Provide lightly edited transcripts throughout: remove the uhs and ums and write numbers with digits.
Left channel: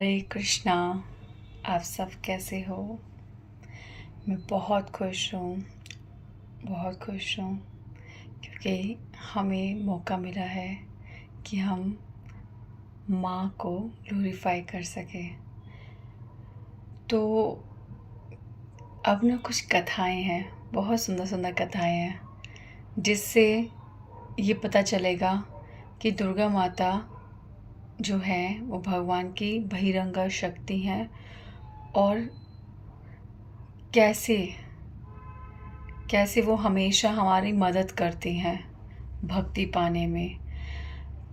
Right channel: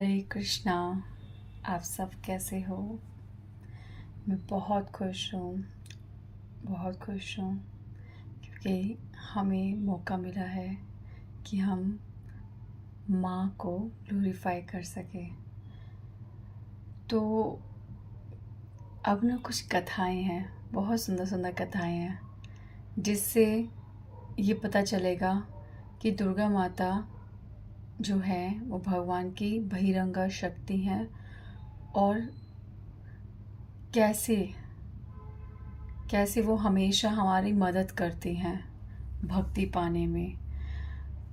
हरे कृष्णा। आप सब कैसे हो? मैं बहुत खुश हूँ, बहुत खुश हूँ क्योंकि हमें मौका मिला है कि हम माँ को ग्लोरीफाई कर सकें। तो अब ना कुछ कथाएं हैं, बहुत सुंदर सुंदर कथाएं हैं, जिससे ये पता चलेगा कि दुर्गा माता जो है वो भगवान की बहिरंगा शक्ति हैं और कैसे कैसे वो हमेशा हमारी मदद करती हैं भक्ति पाने में।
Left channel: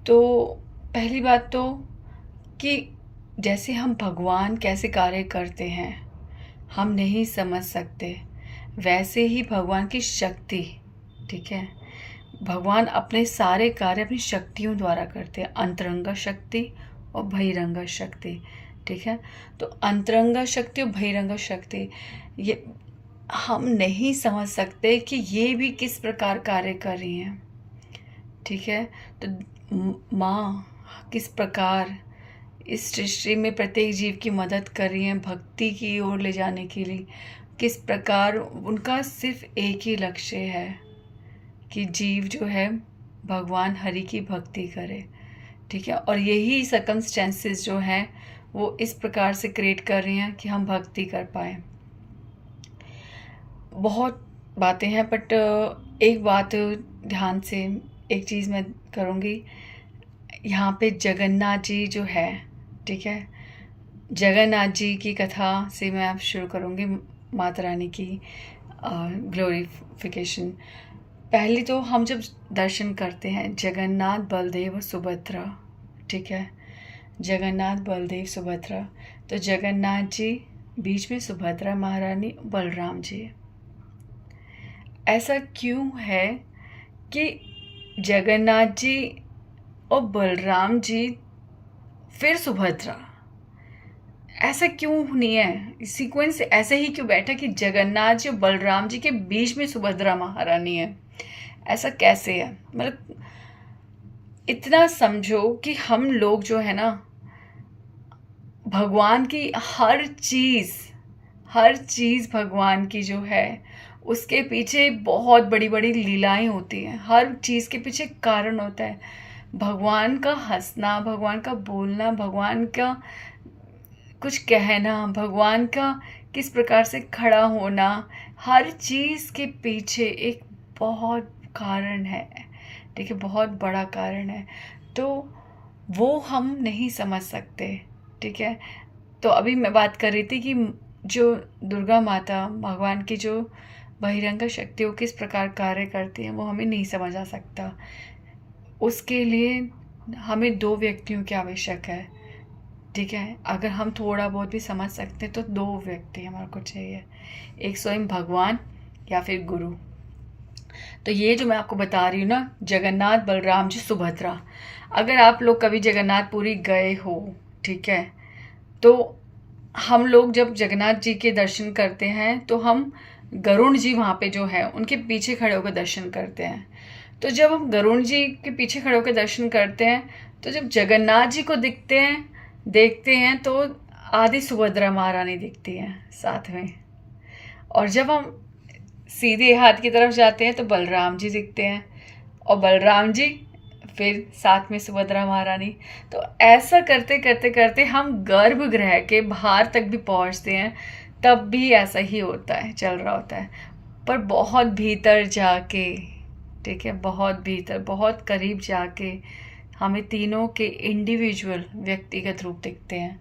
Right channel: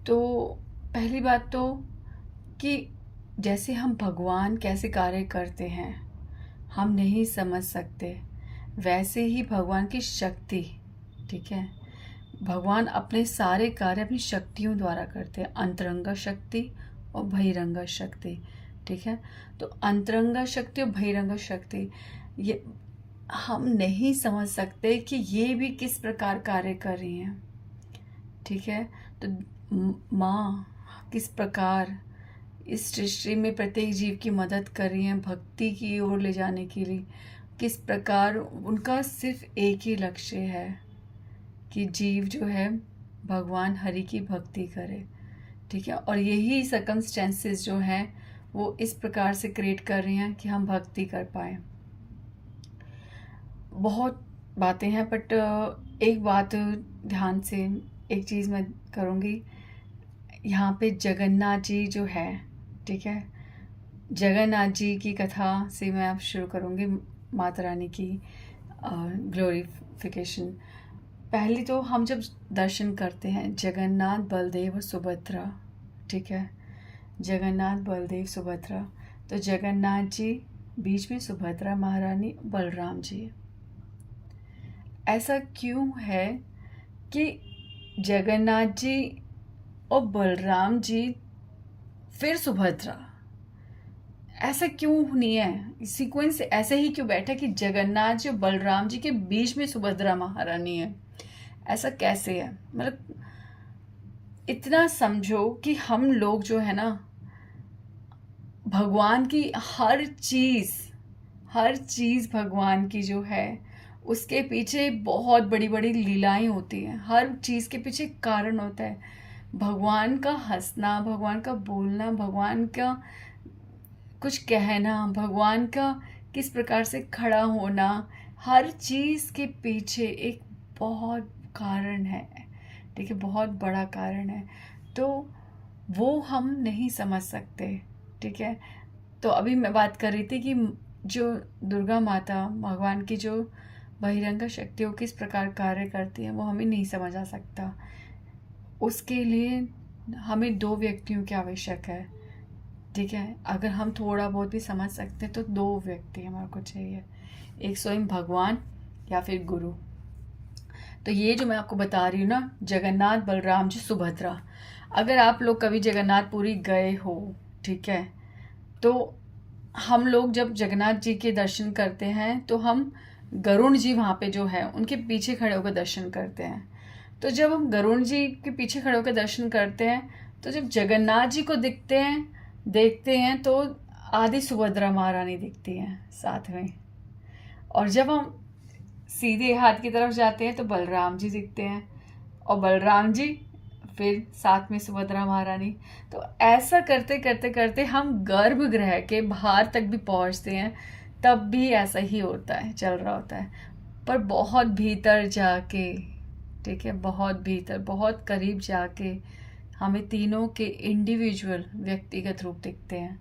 तो पहली बात तो कि जैसे हम भगवान कैसे कार्य करते हैं हम नहीं समझ सकते, वैसे ही भगवान की शक्ति, ठीक है, भगवान अपने सारे कार्य अपनी शक्तियों द्वारा करते हैं, अंतरंगा शक्ति और बहिरंगा शक्ति। ठीक है, तो अंतरंगा शक्ति और बहिरंगा शक्ति ये हम नहीं समझ सकते कि ये भी किस प्रकार कार्य कर रही हैं। ठीक है, तो माँ किस प्रकार इस सृष्टि में प्रत्येक जीव की मदद कर रही हैं भक्ति की ओर ले जाने के लिए, किस प्रकार उनका सिर्फ एक ही लक्ष्य है कि जीव जो है भगवान हरि की भक्ति करे। ठीक है, और यही सर्कमस्टेंसेस जो हैं वो इस प्रकार से क्रिएट कर रही हैं कि हम भक्ति कर पाए। बहुत बातें हैं बट एक बात ध्यान से, एक चीज़ मैं करूँगी। यहाँ पे जगन्नाथ जी जो है, ठीक है, जगन्नाथ जी की कथा से मैं अब शुरू करूँगी, माता रानी की ग्लोरिफिकेशन। पहले तो हम जब दर्शन करते हैं जगन्नाथ बलदेव और सुभद्रा, ठीक है, जगन्नाथ बलदेव सुभद्रा, तो जगन्नाथ जी बीच में, सुभद्रा महारानी, बलराम जी। ऐसा क्यों है कि जगन्नाथ जी और बलराम जी फिर सुभद्रा, ऐसा क्यों नहीं है? सीक्वेंस ऐसे ही क्यों बैठा कि जगन्नाथ जी और बलराम जी के बीच में सुभद्रा महारानी है? ऐसा कैसे है? मतलब इतना समझो कि हम लोग जो है ना, भगवान की हर चीज़ भगवान की जो है उसके पीछे बहुत बड़ी बड़ी लीलाएं होती हैं। हर चीज़ के पीछे कारण होता है। भगवान का हंसना, भगवान का बोलना, भगवान का कुछ कहना, भगवान का किस प्रकार से खड़ा होना, हर चीज़ के पीछे एक बहुत कारण है। ठीक है, बहुत बड़ा कारण है। तो वो हम नहीं समझ सकते। ठीक है, तो अभी मैं बात कर रही थी कि जो दुर्गा माता, भगवान की जो बहिरंगा शक्ति वो किस प्रकार कार्य करती है वो हमें नहीं समझ आ सकता। उसके लिए हमें दो व्यक्तियों की आवश्यक है। ठीक है, अगर हम थोड़ा बहुत भी समझ सकते हैं तो दो व्यक्ति हमारे को चाहिए, एक स्वयं भगवान या फिर गुरु। तो ये जो मैं आपको बता रही हूँ ना, जगन्नाथ बलराम जी सुभद्रा, अगर आप लोग कभी जगन्नाथपुरी गए हो, ठीक है, तो हम लोग जब जगन्नाथ जी के दर्शन करते हैं तो हम गरुण जी वहाँ पे जो है उनके पीछे खड़े होकर दर्शन करते हैं। तो जब हम गरुण जी के पीछे खड़े होकर दर्शन करते हैं तो जब जगन्नाथ जी को देखते हैं तो आदि सुभद्रा महारानी दिखती हैं साथ में, और जब हम सीधे हाथ की तरफ जाते हैं तो बलराम जी दिखते हैं, और बलराम जी फिर साथ में सुभद्रा महारानी। तो ऐसा करते करते करते हम गर्भगृह के बाहर तक भी पहुंचते हैं, तब भी ऐसा ही होता है, चल रहा होता है। पर बहुत भीतर जाके, ठीक है, बहुत भीतर, बहुत करीब जाके हमें तीनों के इंडिविजुअल व्यक्तिगत रूप दिखते हैं।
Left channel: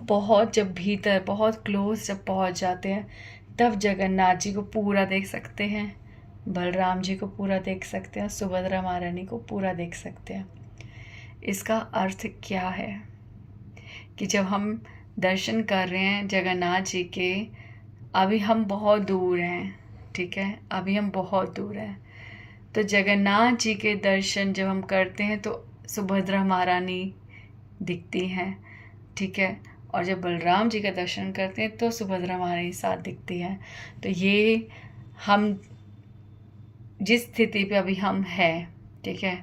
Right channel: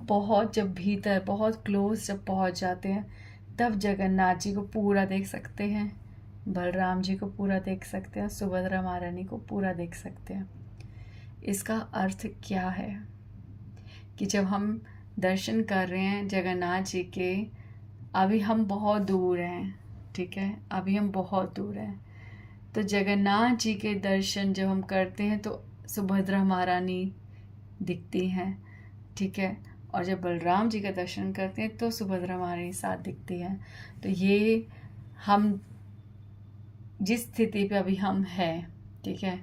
बहुत जब भीतर, बहुत क्लोज जब पहुंच जाते हैं तब जगन्नाथ जी को पूरा देख सकते हैं, बलराम जी को पूरा देख सकते हैं, सुभद्रा महारानी को पूरा देख सकते हैं। इसका अर्थ क्या है कि जब हम दर्शन कर रहे हैं जगन्नाथ जी के, अभी हम बहुत दूर हैं, ठीक है, अभी हम बहुत दूर हैं, तो जगन्नाथ जी के दर्शन जब हम करते हैं तो सुभद्रा महारानी दिखती हैं, ठीक है, और जब बलराम जी का दर्शन करते हैं तो सुभद्रा महारानी साथ दिखती हैं। तो ये हम जिस स्थिति पे अभी हम हैं, ठीक है,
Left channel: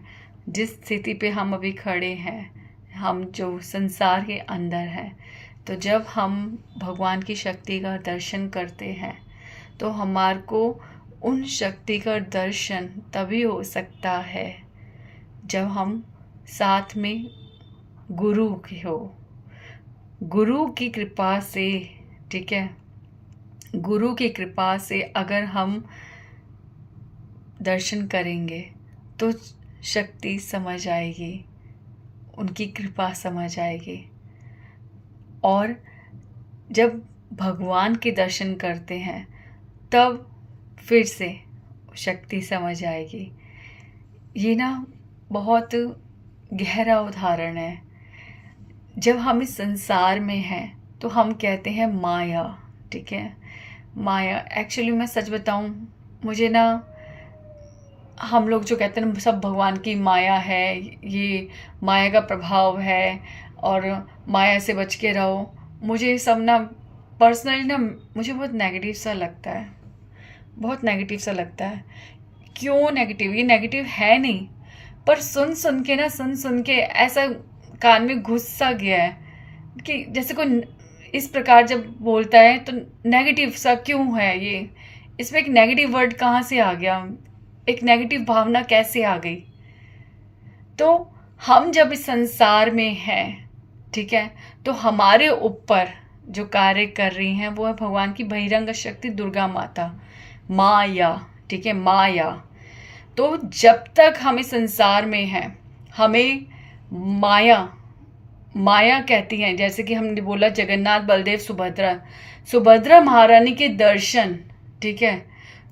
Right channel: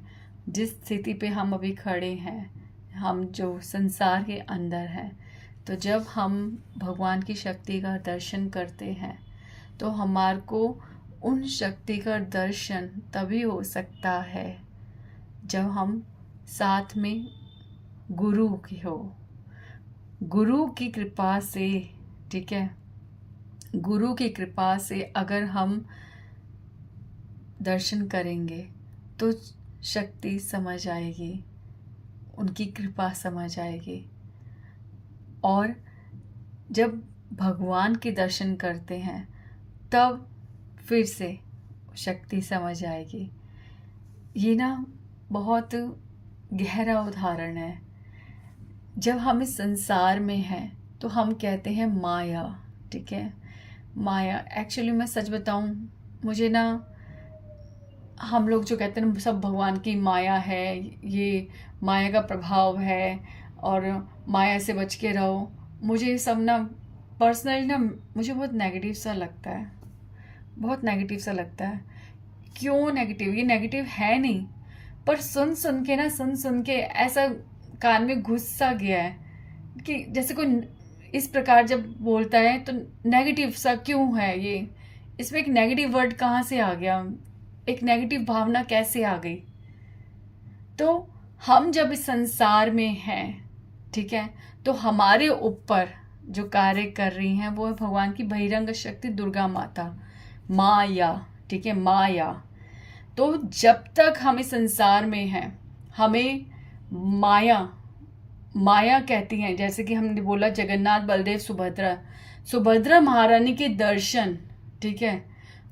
जिस स्थिति पे हम अभी खड़े हैं, हम जो संसार के अंदर हैं, तो जब हम भगवान की शक्ति का दर्शन करते हैं तो हमारे को उन शक्ति का दर्शन तभी हो सकता है जब हम साथ में गुरु की हो, गुरु की कृपा से, ठीक है, गुरु की कृपा से अगर हम दर्शन करेंगे तो शक्ति समझ आएगी, उनकी कृपा समझ आएगी। और जब भगवान के दर्शन करते हैं तब फिर से शक्ति समझ आएगी। ये ना बहुत गहरा उदाहरण है। जब हम इस संसार में हैं तो हम कहते हैं माया, ठीक है, माया। एक्चुअली मैं सच बताऊं, मुझे ना, हम लोग जो कहते हैं ना सब भगवान की माया है, ये माया का प्रभाव है और माया से बच के रहो, मुझे ये सब ना पर्सनली ना मुझे बहुत नेगेटिव सा लगता है, बहुत नेगेटिव सा लगता है। क्यों नेगेटिव? ये नेगेटिव है नहीं, पर सुन सुन के ऐसा कान में घुस सा गया है कि जैसे कोई इस प्रकार जब बोलता है तो नेगेटिव सा क्यों है ये, इसमें एक नेगेटिव वर्ड कहाँ से आ गया, एक नेगेटिव भावना कैसे आ गई। तो हम जब इस संसार में हैं, ठीक है, तो हमारे ऊपर जो कार्य कर रही हैं वो है भगवान की बहिरंग शक्ति दुर्गा माता, माया, ठीक है, माया। तो जब तक हम इस संसार में हैं हमें माया कहती हैं। जैसे कि हमने बोला जगन्नाथ बलदेव सुभद्रा महारानी के दर्शन, ठीक है,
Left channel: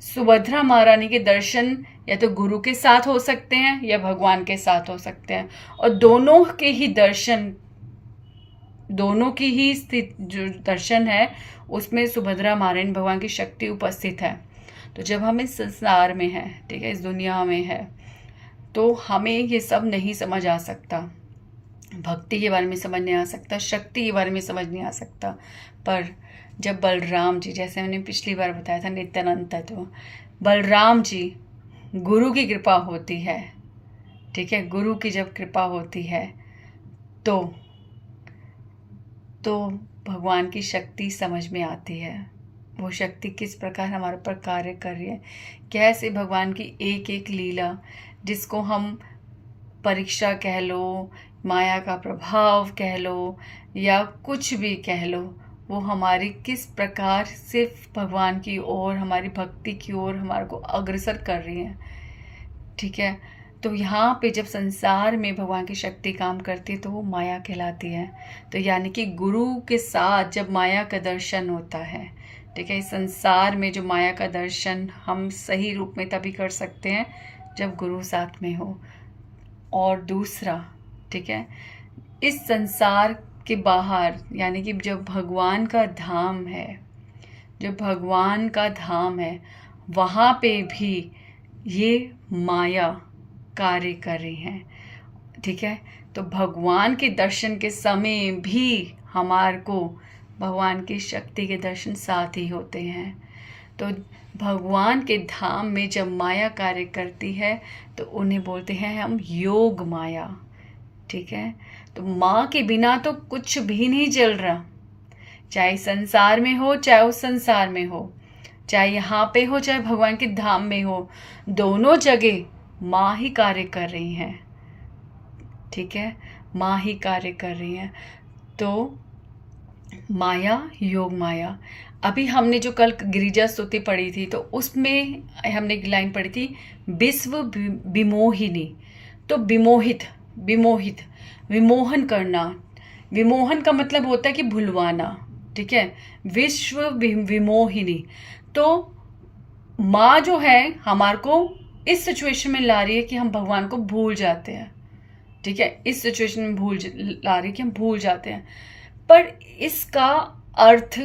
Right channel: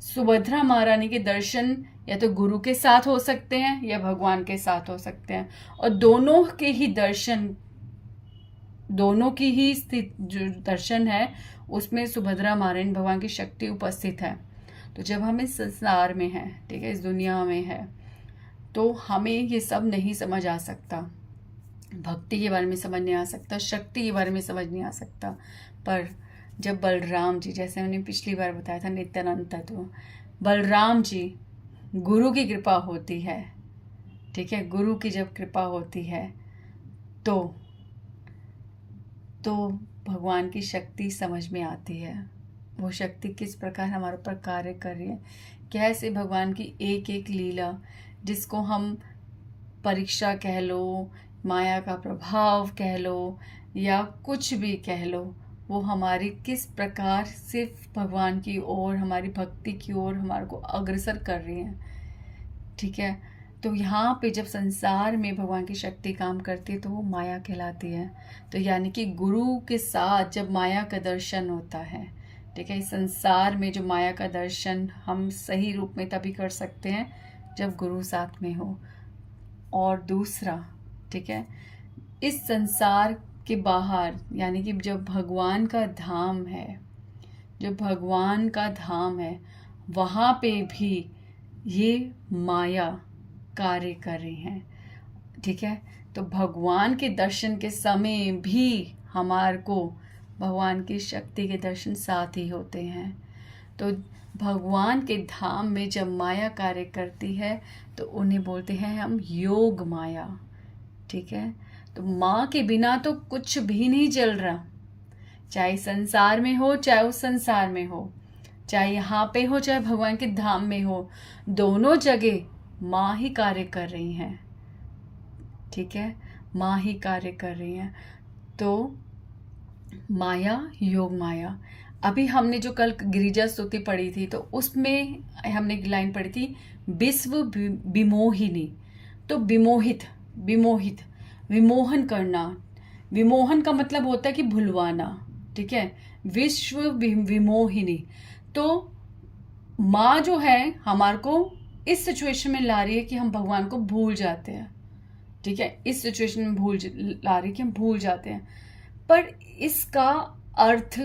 सुभद्रा महारानी के दर्शन या तो गुरु के साथ हो सकते हैं या भगवान के साथ हो सकते हैं, और दोनों के ही दर्शन, दोनों की ही स्थित जो दर्शन है उसमें सुभद्रा महारानी भगवान की शक्ति उपस्थित है। तो जब हम इस संसार में हैं, ठीक है, इस दुनिया में है, तो हमें ये सब नहीं समझ आ सकता, भक्ति के बारे में समझ नहीं आ सकता, शक्ति के बारे में समझ नहीं आ सकता। पर जब बलराम जी, जैसे मैंने पिछली बार बताया था नित्यानंद है, तो बलराम जी, गुरु की कृपा होती है, ठीक है, गुरु की जब कृपा होती है तो भगवान की शक्ति समझ में आती है। वो शक्ति किस प्रकार हमारे ऊपर कार्य कर रही है, कैसे भगवान की एक एक लीला, जिसको हम परीक्षा कह लो, माया का प्रभाव कह लो या कुछ भी कह लो, वो हमारी किस प्रकार सिर्फ भगवान की ओर, हमारी भक्ति की ओर हमारे को अग्रसर कर रही है, ठीक है। तो यहाँ पे जब संसार में भगवान की शक्ति काम करती है तो वो माया कहलाती है। तो यानी कि गुरु के साथ जब माया का दर्शन होता है, ठीक है, इस संसार में जो माया का दर्शन हम सही रूप में तभी कर सकते हैं जब गुरु साथ में हो। और दूसरा, ठीक है, इस संसार के बाहर यानी कि जो भगवान का धाम है, जो भगवान का धाम है, वहाँ पे भी ये माया कार्य कर रही हैं, ठीक है। तो भगवान के दर्शन के समय भी हमारे को भगवान की शक्ति के दर्शन साथ ही होते हैं। तो भगवान के धाम में जब माया कार्य करती है तो उन्हें बोलते हैं हम योग माया, ठीक है। तो माँ के बिना तो कुछ भी नहीं चल रहा, चाहे संसार में हो चाहे उस संसार में हो, चाहे यहाँ पे हो चाहे भगवान के धाम में हो, दोनों जगह माँ ही कार्य कर रही हैं, ठीक है, माँ ही कार्य कर रही हैं। तो माया, योग माया। अभी हमने जो कल गिरिजा स्तुति पढ़ी थी तो उसमें हमने एक लाइन पढ़ी थी, विश्व विमोहिनी। तो विमोहित, विमोहन करना, विमोहन का मतलब होता है कि भुलवाना, ठीक है, विश्व विमोहिनी। तो माँ जो है हमारे को इस सिचुएशन में ला रही है कि हम भगवान को भूल जाते हैं, ठीक है, इस सिचुएशन में ला रही है कि हम भूल जाते हैं। पर इसका अर्थ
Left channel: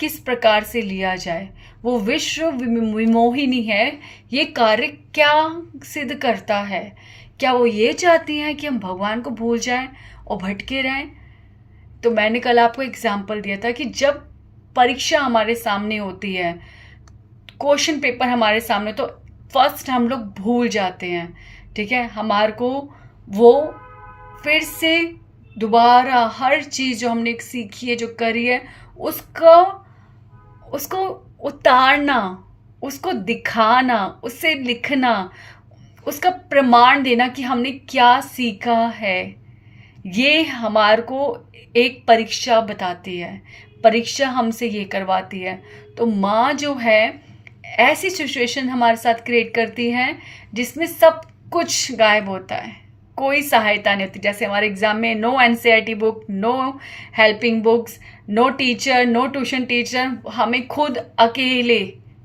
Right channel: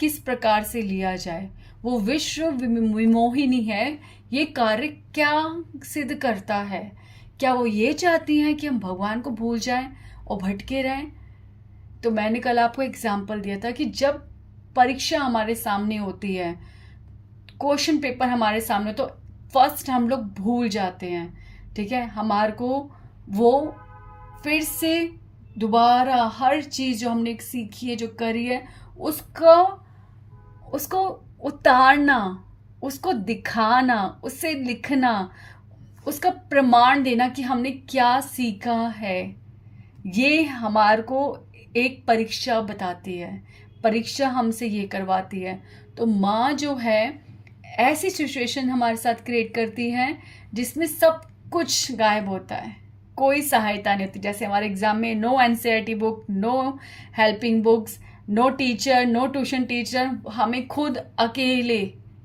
किस प्रकार से लिया जाए, वो विश्व विमोहिनी है, ये कार्य क्या सिद्ध करता है? क्या वो ये चाहती हैं कि हम भगवान को भूल जाएं और भटके रहें? तो मैंने कल आपको एग्जाम्पल दिया था कि जब परीक्षा हमारे सामने होती है, क्वेश्चन पेपर हमारे सामने, तो फर्स्ट हम लोग भूल जाते हैं, ठीक है, हमारे को वो फिर से दोबारा हर चीज़ जो हमने सीखी है, जो करी है, उसको उसको उतारना, उसको दिखाना, उससे लिखना, उसका प्रमाण देना कि हमने क्या सीखा है, ये हमारे को एक परीक्षा बताती है। परीक्षा हमसे ये करवाती है। तो माँ जो है ऐसी सिचुएशन हमारे साथ क्रिएट करती है जिसमें सब कुछ गायब होता है, कोई सहायता नहीं होती। जैसे हमारे एग्जाम में no NCERT book, no helping books, no teacher, no tuition teacher, हमें खुद अकेले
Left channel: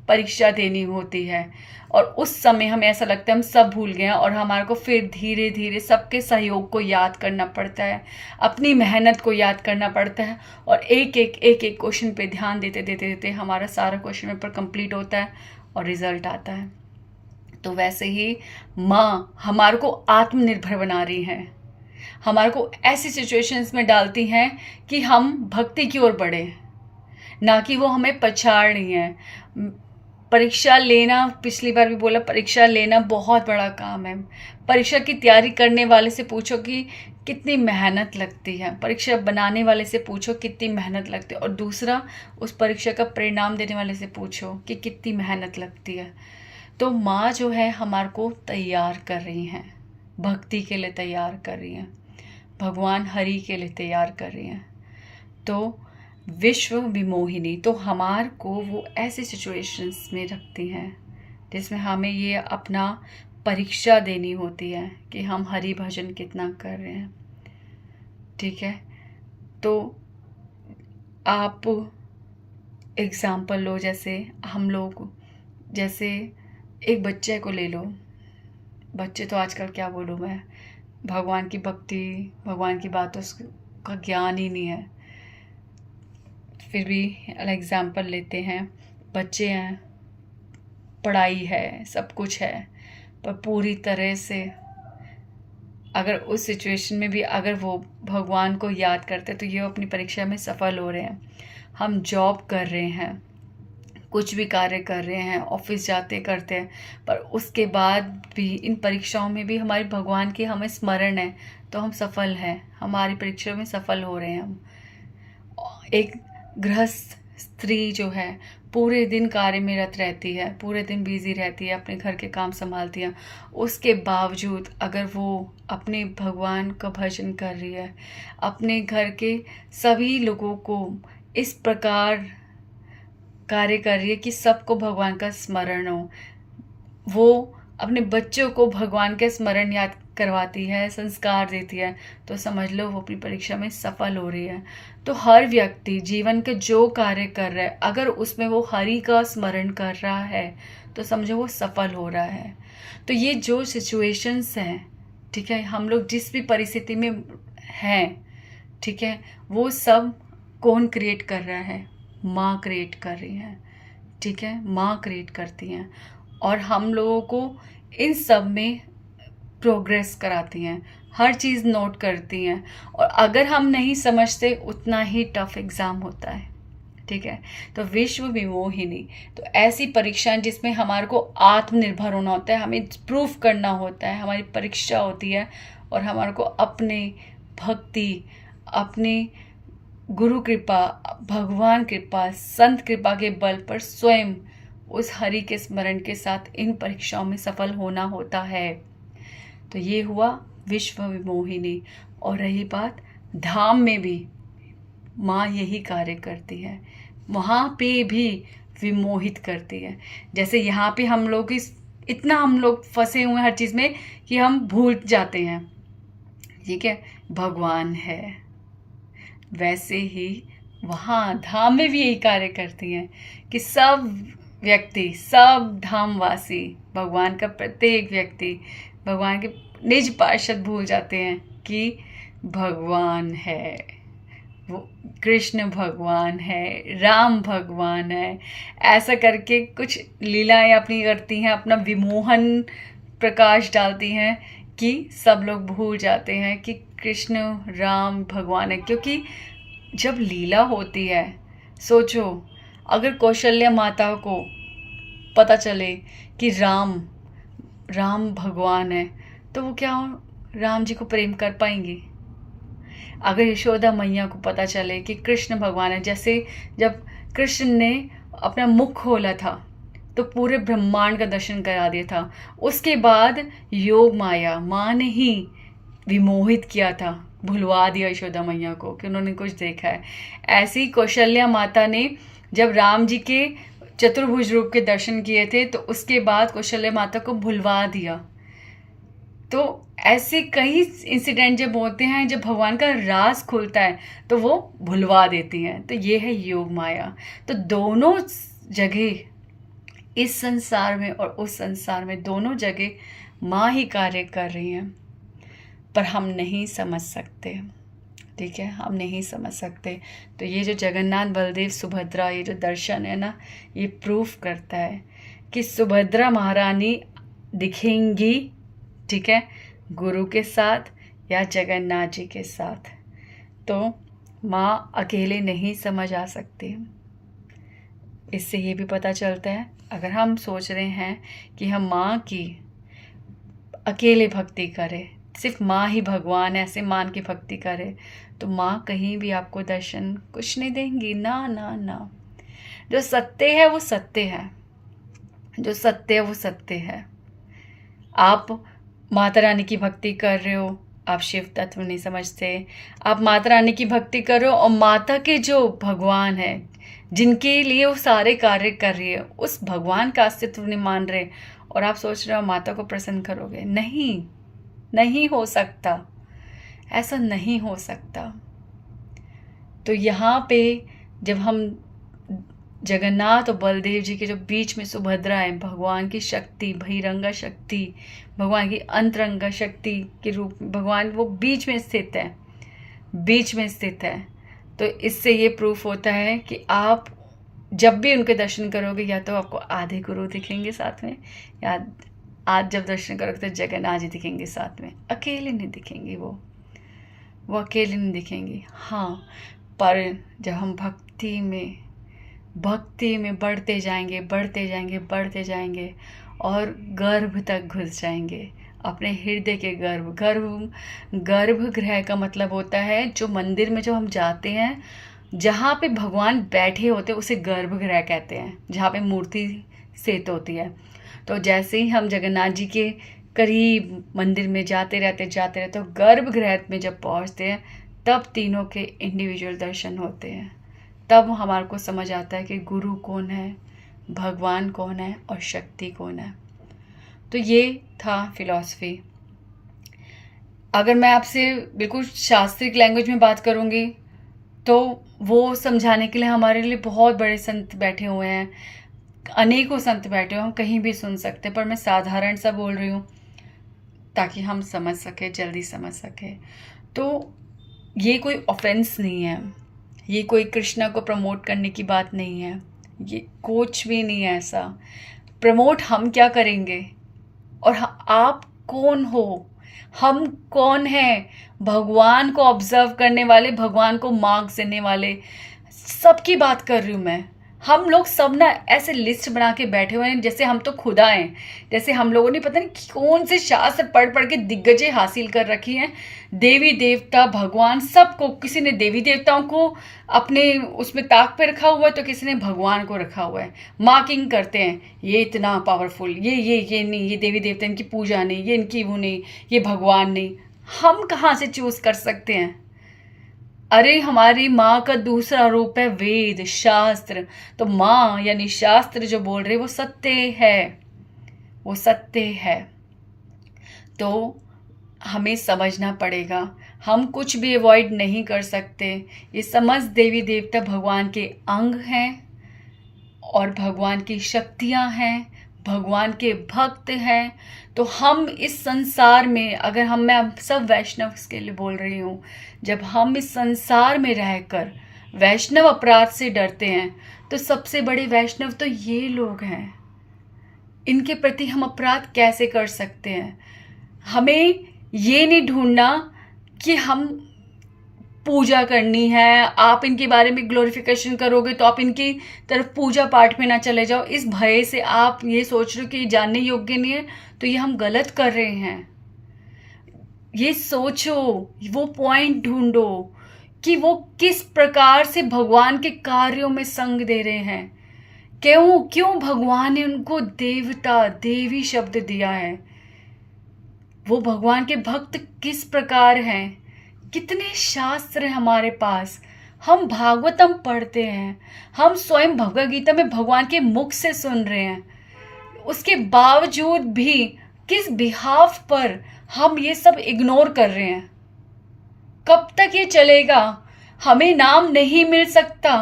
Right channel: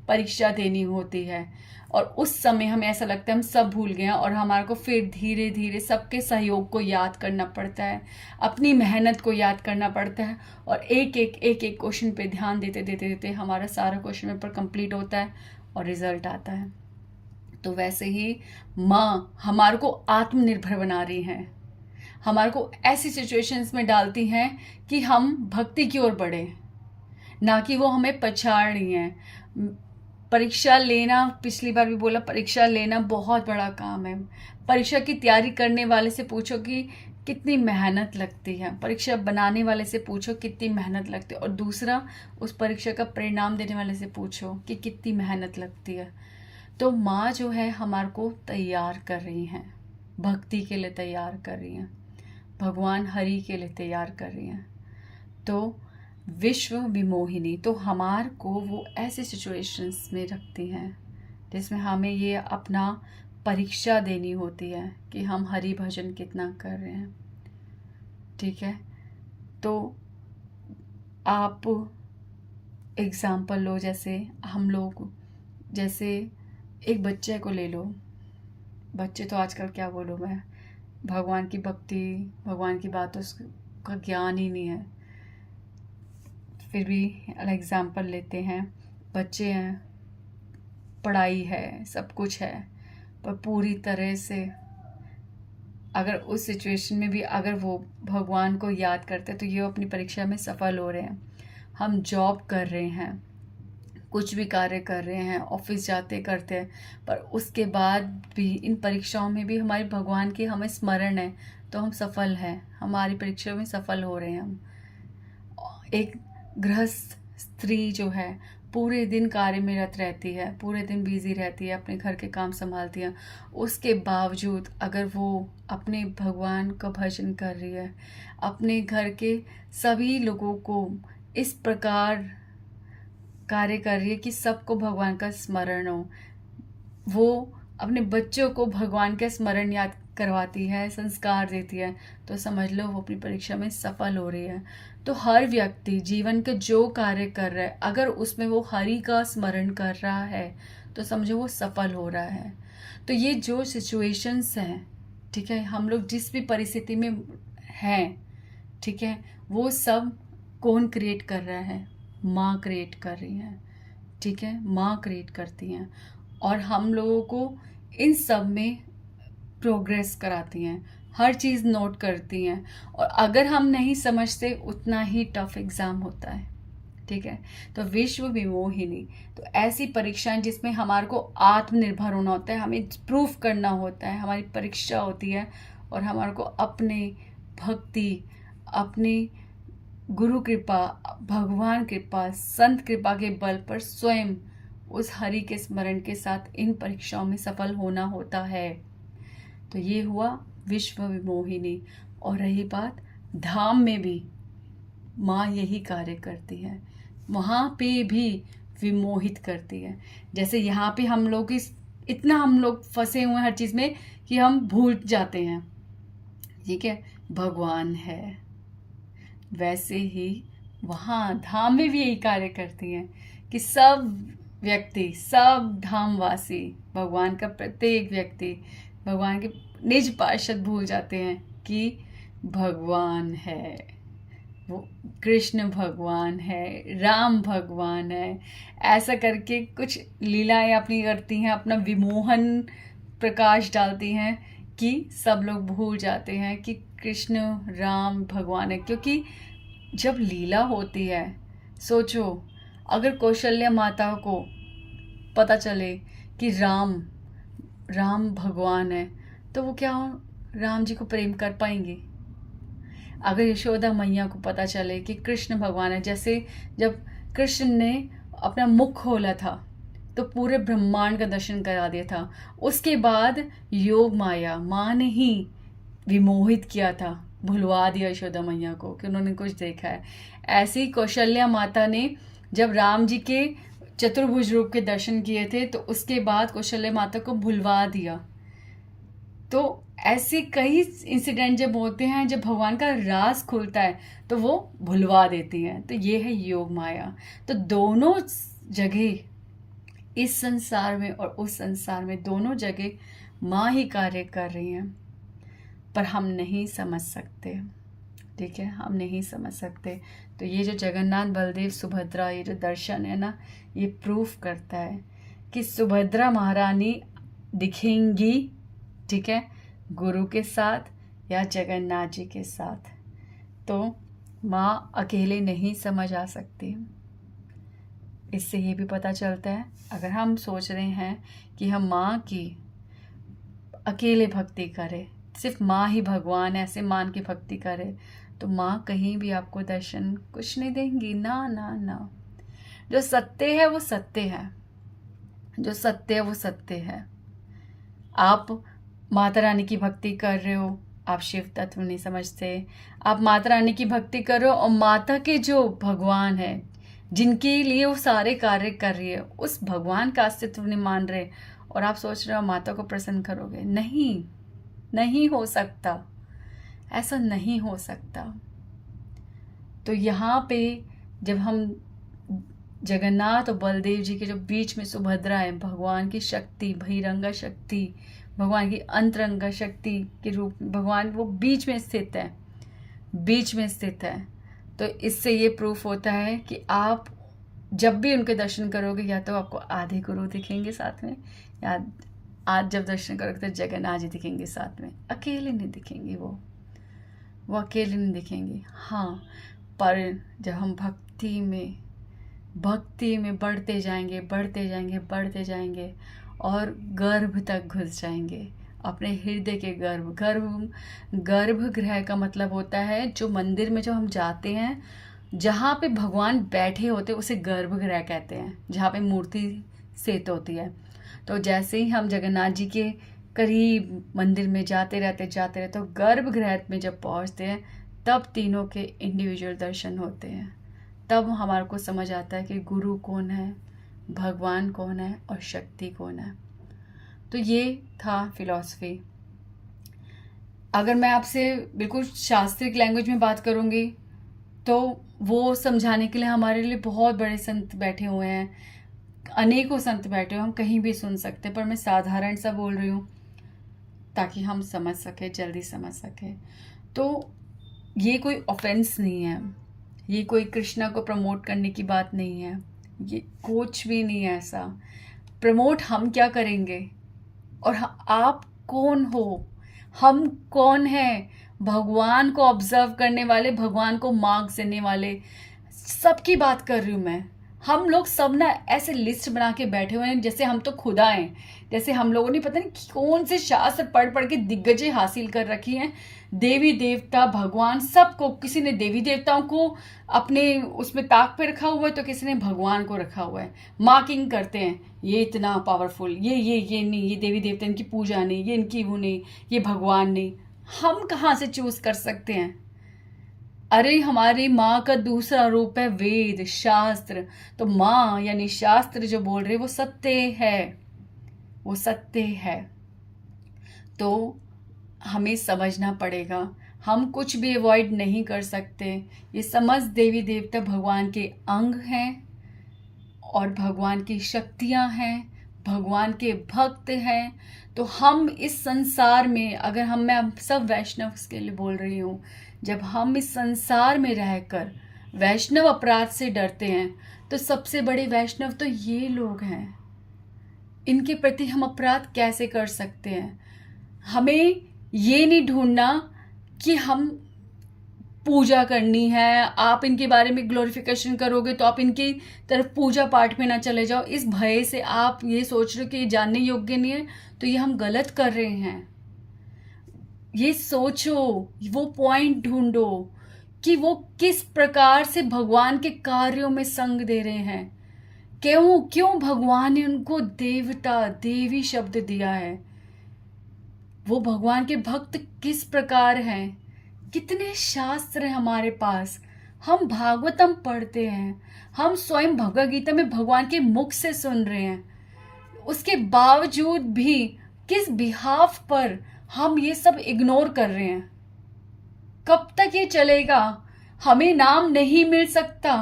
परीक्षा देनी होती है। और उस समय हमें ऐसा लगता है हम सब भूल गए हैं, और हमारे को फिर धीरे धीरे सबके सहयोग को याद करना पड़ता है, अपनी मेहनत को याद करना पड़ता है, और एक एक क्वेश्चन पे ध्यान देते देते देते हमारा सारा क्वेश्चन पेपर कंप्लीट होता है और रिजल्ट आता है। तो वैसे ही माँ हमारे को आत्मनिर्भर बना रही हैं, हमारे को ऐसी सिचुएशंस में डालती हैं कि हम भक्ति की ओर बढ़े, ना कि वो हमें पछाड़ रही हैं। परीक्षा लेना, पिछली बार भी बोला, परीक्षा लेना बहुत बड़ा काम है। परीक्षा की तैयारी करने वाले से पूछो कि कितनी मेहनत लगती है, परीक्षा बनाने वाले से पूछो कितनी मेहनत लगती है, और दूसरा उस परीक्षा का परिणाम देने वाले से पूछो कि कितनी मेहनत लगती है। तो माँ जो है हमारे को तैयार कर रही हैं, भक्ति के लिए तैयार कर रही हैं, भगवान हरि के लिए तैयार कर रही हैं। तो विश्व विमोहिनी तो हमार को वो ऐसी सिचुएशंस में रखती हैं जिसमें हमें ये अपना परीक्षा देनी होती है कि हम हरि भजन कितना कर रहे हैं। ठीक है, तो आप एग्जाम्पल लो, जैसे हम लोग, जैसे एक बच्चे को ले लो। बच्चे तो आजकल क्या बोलूँ मैं, भगवान की भक्ति, भगवान की बातों का ज्ञान ही नहीं है। फिर भी एग्जाम्पल लेते हैं, बच्चे हैं, पढ़ाई है, सब कुछ है, पर पूरी तरह से अगर उस सिचुएशन में भी अगर वो भगवान को याद करते तो ये अपनी परीक्षा में सफल हो रहे हैं। हम जॉब कर रहे हैं, कुछ भी कार्य कर रहे हैं, ऑफिस जाते करते हैं, पर उसके बाद भी इन परीक्षाओं में भी हमारे भगवान की हमें स्मरण है तो हम सफल हैं, हमारी परीक्षा में सफल हो रहे हैं हम। एक गृहस्थ स्त्री जो है पूरे दिन कार्य में रत रहती है, पूरे दिन बिजी रहती है, अपने घर के काम संभालती है, उसके बावजूद अगर वो अपने भगवान का भजन कर रही है, अपने घर के सभी लोगों को इस प्रकार कार्य कर रही है कि सबको भगवान का स्मरण हो, वो अपने बच्चों को भगवान के स्मरण याद करवाती है, संस्कार देती है, तो समझ लो वो अपनी परीक्षा में सफल हो रही है। तो हर व्यक्ति जीवन के जो कार्य कर रहा है, अगर उसमें वो हरि का स्मरण कर रहा है तो समझो वो सफल हो रहा है। तो ये जो सिचुएशंस हैं, ठीक है, हम लोग जिस भी परिस्थिति में हैं, ठीक है, वो सब कौन क्रिएट कर रहा है? माँ क्रिएट कर रही हैं। ठीक है, माँ क्रिएट करती हैं, और हम लोगों को इन सब में प्रोग्रेस कराती हैं, हर चीज़ नोट करती हैं, और अगर हम नहीं समझते उतना ही टफ एग्ज़ाम होता है। ठीक है, तो विश्व विमोहिनी तो ऐसी परीक्षाएं जिसमें हमारे को आत्मनिर्भर होना होता है, हमें प्रूफ करना होता है, हमारी परीक्षा होती है, और हमारे को अपने भक्ति, अपने गुरु कृपा, भगवान कृपा, संत कृपा के बल पर स्वयं उस हरि के स्मरण के साथ इन परीक्षाओं में सफल होना होता है। तो ये हुआ विश्व विमोहिनी। और रही बात धाम में भी माँ यही कार्य करती है, वहाँ पे भी विमोहित करती है। जैसे यहाँ पे हम लोग इतना हम लोग फंसे हुए हैं हर चीज़ में कि हम भूल जाते हैं, ठीक है, भगवान है, वैसे ही वहाँ धाम में भी यही कार्य करती हैं कि सब व्यक्ति, सब धामवासी, भगवान का प्रत्येक व्यक्ति भगवान के निज पार्षद भूल जाते हैं कि भगवान है, वो कृष्ण भगवान है, राम भगवान है, ऐसा करके कुछ लीलाएं अपनी करती हैं, अपना विमोहन प्रकाश डालती हैं कि सब लोग भूल जाते हैं कि कृष्ण राम भगवान है। क्योंकि जब लीला होती है, सोचो अगर कौशल्या माता को पता चले कि राम भगवान है, तो वो क्या राम जी को प्रेम कर पाएंगी? अगर यशोदा मैया को पता चले कि कृष्ण भगवान है, जैसे जब कृष्ण ने अपना मुख खोला था तो पूरे ब्रह्मांड का दर्शन करा दिया था, उसके बाद योग माया माँ ने ही विमोहित किया था, भुलवा दिया यशोदा मैया को कि उन्होंने कुछ देखा है। ऐसी कौशल्या माता ने जब राम जी के चतुर्भुज रूप के दर्शन किए थे तो उसके बाद कौशल्या माता को भुलवा दिया। तो ऐसे कई इंसिडेंट जब होते हैं, जब भगवान का राज खुलता है तो वो भुलवा देती हैं। तो ये है योग माया। तो दोनों जगह, इस संसार में और उस संसार में, दोनों जगह माँ ही कार्य कर रही हैं, पर हम नहीं समझ सकते। ठीक है, हम नहीं समझ सकते। तो ये जो जगन्नाथ बलदेव सुभद्रा, ये जो दर्शन है ना, ये प्रूफ करता है कि सुभद्रा महारानी दिखेंगी, ठीक है, गुरु के साथ या जगन्नाथ जी के साथ। तो माँ अकेले नहीं समझ आ सकती। इससे ये भी पता चलता है, अगर हम सोच रहे हैं कि हम माँ की अकेले भक्ति करें, सिर्फ माँ ही भगवान है ऐसे मान के भक्ति करें, तो माँ कहीं भी आपको दर्शन कुछ नहीं देंगी। ना ना ना, जो सत्य है वो सत्य है, जो सत्य है वो सत्य है। आप माता रानी की भक्ति कर रहे हो, आप शिव तत्व नहीं समझते। आप माता रानी की भक्ति कर रहे हो और माता के जो भगवान है, जिनके लिए वो सारे कार्य कर रही है, उस भगवान का अस्तित्व नहीं मान रहे, और आप सोच रहे हो माता को प्रसन्न करोगे। नहीं, नहीं हो सकता, ऐसा नहीं हो सकता। तो यहाँ पे जब हम जगन्नाथ और बलदेव जी के जो बीच में सुभद्रा है, भगवान की शक्ति, बहिरंगा शक्ति, भगवान की अंतरंगा शक्ति के रूप में भगवान वो बीच में स्थित है, बीच में स्थित है। तो इससे ये प्रूफ होता है कि आप जब भी उनके दर्शन करोगे, या तो आपको आधे गुरु दिखेंगे साथ में, या आज जब दर्शन करोगे तो जगन्नाथ जी दिखेंगे साथ में। अकेले नहीं दिखेंगे, वो अकेले नहीं दिखेंगे। हाँ, पर जब हम भक्ति में बढ़ते जाएंगे, बढ़ते जाएंगे, बढ़ते जाएंगे और गर्भ तक घुस जाएंगे, अपने हृदय के गर्भगृह का मतलब होता है जो मंदिर में जब हम जाते हैं, जहाँ पे भगवान बैठे होते हैं उसे गर्भगृह कहते हैं, जहाँ पे मूर्ति स्थित होती है। तो जैसे ही हम जगन्नाथ जी के करीब मंदिर में जाते रहते तो गर्भगृह में जब पहुँचते हैं, तब तीनों के इंडिविजुअल दर्शन होते हैं। तब हमारे को समझ आता है कि गुरु कौन है, भगवान कौन है और शक्ति कौन है। तो ये था फिलॉसफी। अगर मैं आपसे बिल्कुल शास्त्रिक लैंग्वेज में बात करूँगी तो वो समझाने के लिए हमारे लिए बहुत बड़े संत बैठे हुए हैं, अनेकों संत बैठे हुए हैं, हम कहीं भी सुन सकते हैं, पर मैं साधारण सा बोल रही हूँ ताकि हम समझ सके, जल्दी समझ सके। तो ये कोई ऑफेंस नहीं है, ये कोई कृष्णा को प्रमोट करने की बात नहीं है, ये कुछ भी नहीं है ऐसा। प्रमोट हम क्या करेंगे, और आप कौन हो, हम कौन हैं? भगवान को ऑब्जर्व करने वाले, भगवान को मार्क्स देने वाले, सबकी बात कर रही हूँ मैं। हम लोग सब ना ऐसे लिस्ट बना के बैठे हुए हैं जैसे हम तो खुदा हैं, जैसे हम लोगों ने पता नहीं कौन से शास्त्र पढ़ पढ़ के दिग्गजें हासिल कर रखी हैं। देवी देवता, भगवान, सबको, किसी ने देवी देवताओं को अपने उसमें ताक पे रखा हुआ है तो किसी ने भगवान को रखा हुआ है। मार्किंग करते हैं, ये इतना पावरफुल, ये नहीं, ये देवी देवता इनकी पूजा नहीं, ये इनकी वो नहीं, ये भगवान नहीं। हम कहाँ से चूज कर सकते हैं? अरे हमारी माँ का दूसरा रूप है वेद, शास्त्र। तो माँ यानी शास्त्र जो बोल रहे वो सत्य है, वो सत्य है। तो हमें समझना पड़ेगा, हम कुछ भी अवॉइड नहीं कर सकते। ये समस्त देवी देवता भगवान के अंग हैं और भगवान की शक्तियाँ हैं, भगवान के भक्त हैं। तो हम इस संसार में, अगर मैं सब वैष्णव के लिए बोल रही हूँ, जब हम इस संसार में रहकर वैष्णव अपराध से डरते हैं तो सबसे बड़े वैष्णव तो ये लोग हैं। इनके प्रति हम अपराध कैसे कर सकते हैं? हमें ये नहीं ढूंढना कि हम पूजा करनी है, आप इनके बारे में ग्लोरिफिकेशन करोगे तो आप इनकी तरफ पूजा पाठ में ना चले जाओ, इस भय से आप ये सोच रहे हो कि ये जानने योग्य नहीं है, तो ये हम गलत कर रहे हैं। ये सोचो, वो पॉइंट ढूंढो कि वो किस प्रकार से भगवान के कार्यों में संग दे रहे हैं। क्यों क्यों भगवान ने उनको देवता देवी शब्द दिया है। वो भगवान के भक्त किस प्रकार हैं। कितने शास्त्र हैं हमारे पास। हम भागवतम पढ़ते हैं, हम स्वयं भगवद गीता में भगवान के मुख से सुन रहे हैं। उसके बावजूद भी किस बिहाफ पर हम ये सब इग्नोर कर रहे हैं। कब तक ये चलेगा। हमें नाम नहीं मिल सकता,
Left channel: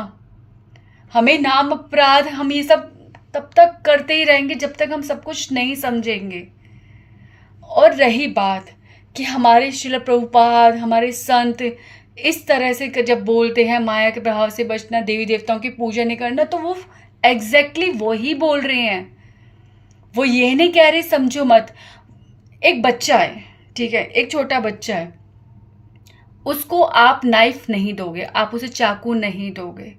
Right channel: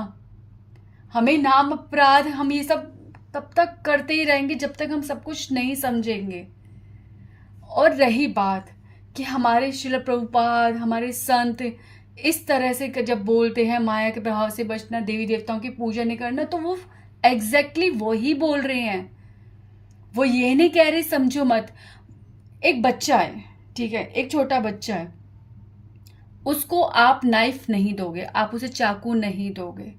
हमें नाम अपराध, हम ये सब तब तक करते ही रहेंगे जब तक हम सब कुछ नहीं समझेंगे। और रही बात कि हमारे श्रील प्रभुपाद, हमारे संत इस तरह से जब बोलते हैं माया के प्रभाव से बचना, देवी देवताओं की पूजा नहीं करना, तो वो एग्जैक्टली वही बोल रहे हैं। वो ये नहीं कह रहे समझो मत। एक बच्चा है, ठीक है, एक छोटा बच्चा है, उसको आप नाइफ नहीं दोगे, आप उसे चाकू नहीं दोगे,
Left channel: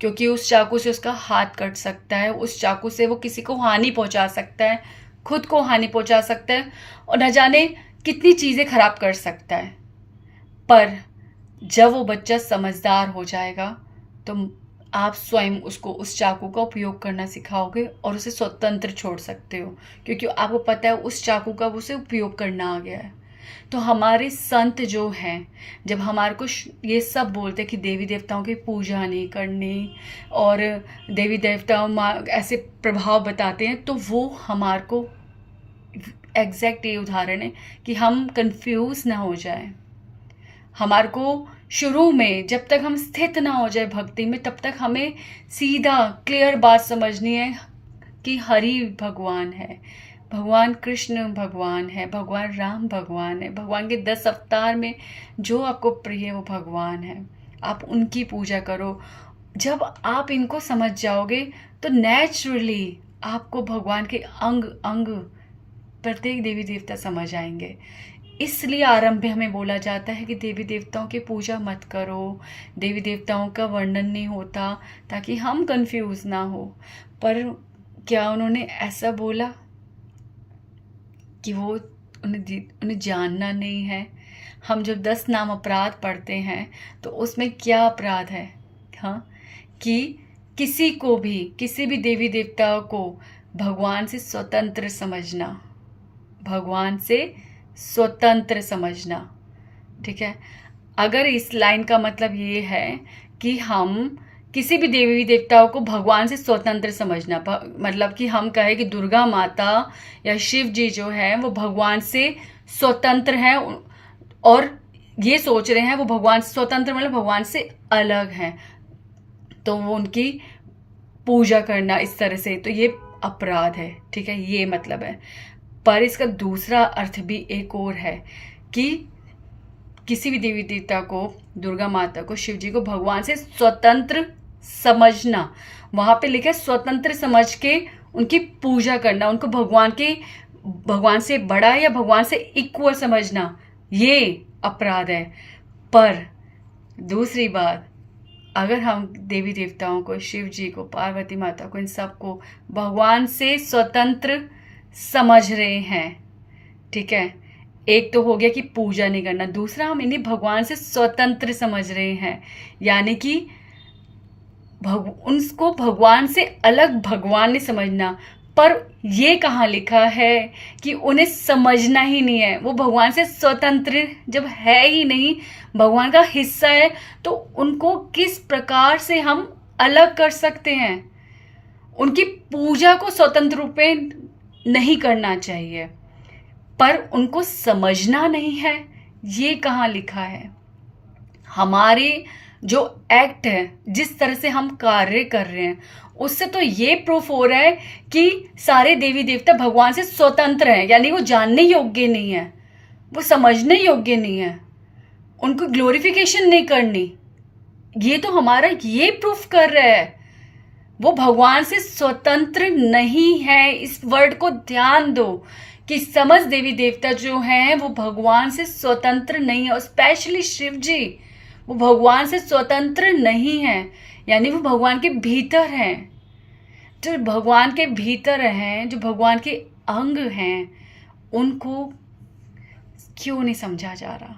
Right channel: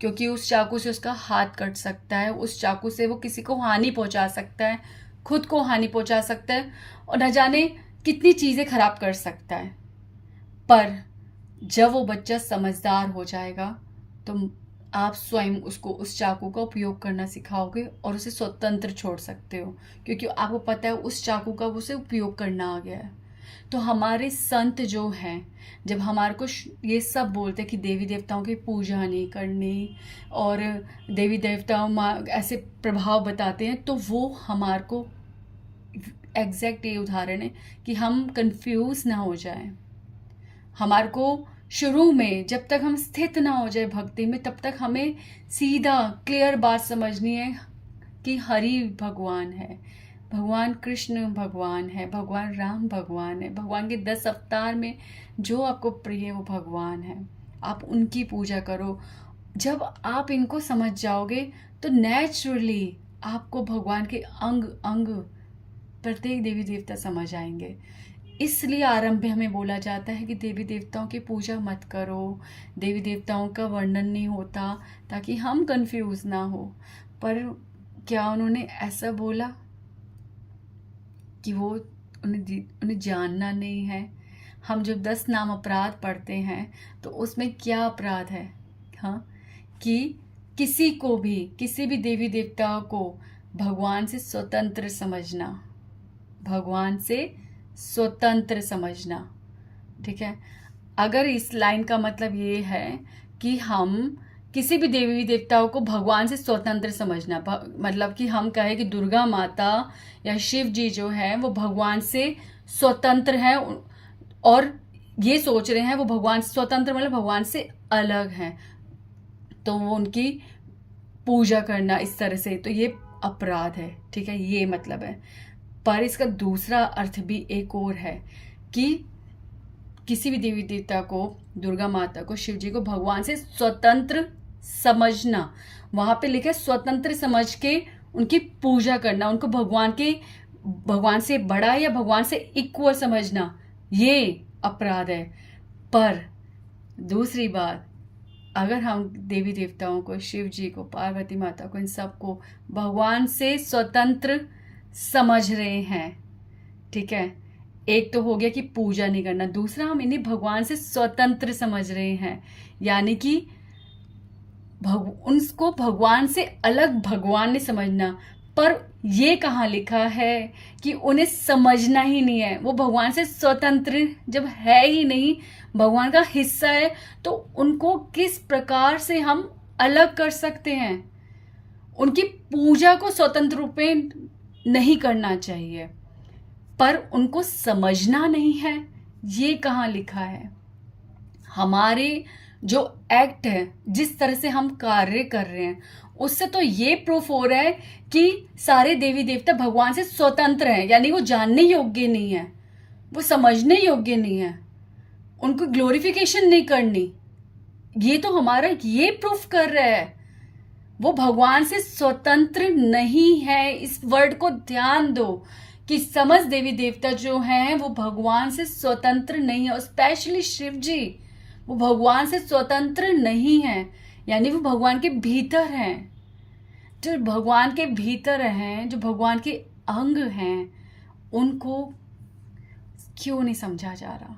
क्योंकि उस चाकू से उसका हाथ कट सकता है, उस चाकू से वो किसी को हानि पहुंचा सकता है, खुद को हानि पहुंचा सकता है, और न जाने कितनी चीज़ें खराब कर सकता है। पर जब वो बच्चा समझदार हो जाएगा तो आप स्वयं उसको उस चाकू का उपयोग करना सिखाओगे और उसे स्वतंत्र छोड़ सकते हो, क्योंकि आपको पता है उस चाकू का उसे उपयोग करना आ गया है। तो हमारे संत जो हैं, जब हमारे को ये सब बोलते हैं कि देवी देवताओं की पूजा नहीं करनी और देवी देवताओं ऐसे प्रभाव बताते हैं, तो वो हमारे को एग्जैक्ट ये उदाहरण है कि हम कंफ्यूज ना हो जाएं। हमारे को शुरू में जब तक हम स्थित ना हो जाए भक्ति में, तब तक हमें सीधा क्लियर बात समझनी है कि हरि भगवान है, भगवान कृष्ण भगवान है, भगवान राम भगवान है, भगवान के 10 अवतार में जो आपको प्रिय है वो भगवान है। आप उनकी पूजा करो। जब आप इनको समझ जाओगे तो नेचुरली आपको भगवान के अंग अंग प्रत्येक देवी देवता समझ आएंगे। इसलिए आरंभ में हमें बोला जाता है कि देवी देवताओं की पूजा मत करो, देवी देवताओं का वर्णन नहीं होता, ताकि हम कंफ्यूज ना हो। पर क्या उन्होंने ऐसा बोला कि वो उन्हें जानना नहीं है। हम जब 10 नाम अपराध पढ़ते हैं तो उसमें क्या अपराध है, हाँ, कि किसी को भी, किसी भी देवी देवताओं को भगवान से स्वतंत्र समझना, भगवान से स्वतंत्र समझना। ठीक है, अगर इस लाइन का मतलब ये है कि हम किसी भी देवी देवताओं को भगवान से स्वतंत्र समझना, मतलब कि हम कहें कि दुर्गा माता या शिव जी जो है वो भगवान से स्वतंत्र हैं और ये सोच रहे हैं वो भगवान से स्वतंत्र मतलब भगवान से अलग हैं, तो वो उनकी पूजा करना इस तरह से, तो ये अपराध है। ठीक है, ये मतलब है। पर इसका दूसरा अर्थ भी एक और है कि किसी भी देवी देवता को, दुर्गा माता को, शिव जी को भगवान से स्वतंत्र समझना, वहां पे लिखा है स्वतंत्र समझ के उनकी पूजा करना, उनको भगवान से बड़ा या भगवान से इक्वल समझना, ये अपराध है। पर दूसरी बात, अगर हम देवी देवताओं को, शिव जी को, पार्वती माता को, इन सबको भगवान से स्वतंत्र समझ रहे हैं, ठीक है, एक तो हो गया कि पूजा नहीं करना, दूसरा हम इन्हें भगवान से स्वतंत्र समझ रहे हैं, यानी कि उनको भगवान से अलग भगवान ने समझना। पर ये कहाँ लिखा है कि उन्हें समझना ही नहीं है, वो भगवान से स्वतंत्र जब है ही नहीं, भगवान का हिस्सा है, तो उनको किस प्रकार से हम अलग कर सकते हैं। उनकी पूजा को स्वतंत्र रूप में नहीं करना चाहिए, पर उनको समझना नहीं है, ये कहाँ लिखा है। हमारे जो एक्ट है, जिस तरह से हम कार्य कर रहे हैं, उससे तो ये प्रूफ हो रहा है कि सारे देवी देवता भगवान से स्वतंत्र हैं, यानी वो जानने योग्य नहीं है, वो समझने योग्य नहीं है, उनको ग्लोरिफिकेशन नहीं करनी। ये तो हमारा ये प्रूफ कर रहा है वो भगवान से स्वतंत्र नहीं है। इस वर्ड को ध्यान दो कि समस्त देवी देवता जो हैं वो भगवान से स्वतंत्र नहीं है, और स्पेशली शिव जी वो भगवान से स्वतंत्र नहीं है, यानी वो भगवान के भीतर हैं। जो भगवान के भीतर हैं, जो भगवान के अंग हैं, उनको क्यों नहीं समझा जा रहा?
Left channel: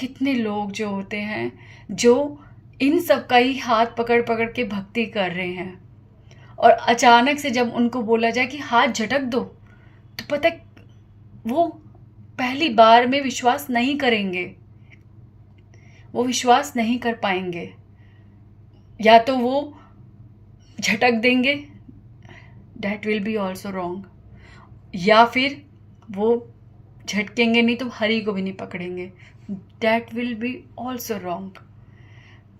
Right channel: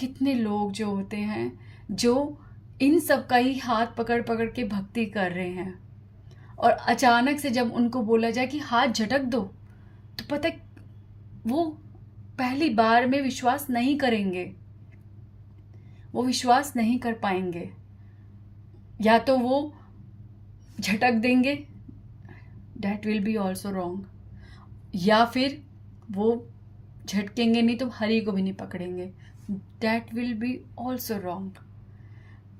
कितने लोग जो होते हैं जो इन सब का ही हाथ पकड़ पकड़ के भक्ति कर रहे हैं, और अचानक से जब उनको बोला जाए कि हाथ झटक दो, तो पता है वो पहली बार में विश्वास नहीं करेंगे, वो विश्वास नहीं कर पाएंगे। या तो वो झटक देंगे, that will be also wrong, या फिर वो झटकेंगे नहीं तो हरि को भी नहीं पकड़ेंगे, that will be also wrong.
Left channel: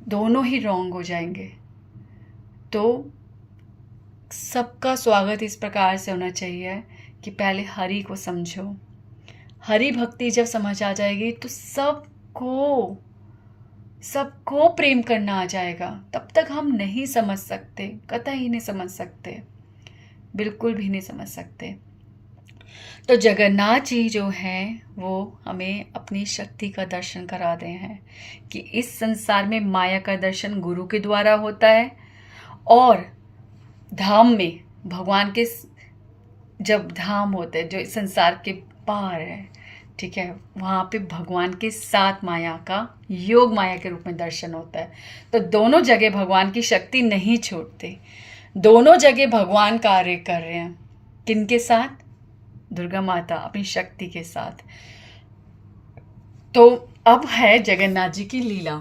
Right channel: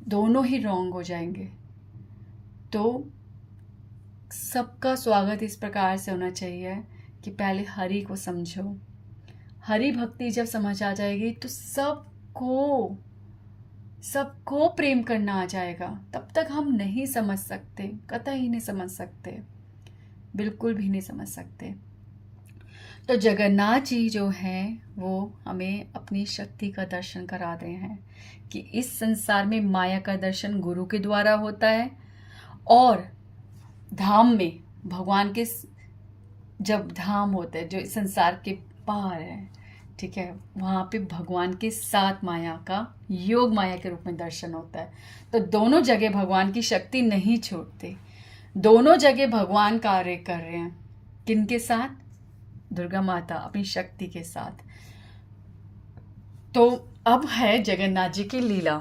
दोनों ही रॉन्ग हो जाएंगे। तो सबका स्वागत इस प्रकार से होना चाहिए कि पहले हरि को समझो। हरि भक्ति जब समझ आ जाएगी तो सबको प्रेम करना आ जाएगा। तब तक हम नहीं समझ सकते, कतई नहीं समझ सकते, बिल्कुल भी नहीं समझ सकते। तो जगन्नाथ जी जो हैं वो हमें अपनी शक्ति का दर्शन करा रहे हैं कि इस संसार में माया का दर्शन गुरु के द्वारा होता है, और धाम में भगवान के जब धाम होते हैं जो इस संसार के पार है, ठीक है, वहाँ पे भगवान के साथ माया का योग माया के रूप में दर्शन होता है। तो दोनों जगह भगवान की शक्ति नहीं छोड़ते, दोनों जगह भगवान कार्य कर रहे हैं। किनके साथ? दुर्गा माता अपनी शक्ति के साथ। तो अब है जगन्नाथ जी की लीला।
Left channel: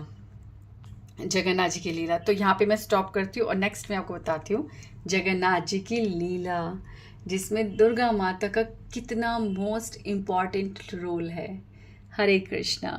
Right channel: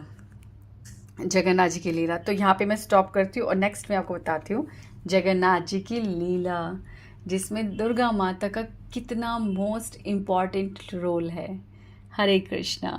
जगन्नाथ जी की लीला तो यहाँ पे मैं स्टॉप करती हूँ और नेक्स्ट में आपको बताती हूँ जगन्नाथ जी की लीला, जिसमें दुर्गा माता का कितना मोस्ट इम्पॉर्टेंट रोल है। हरे कृष्णा।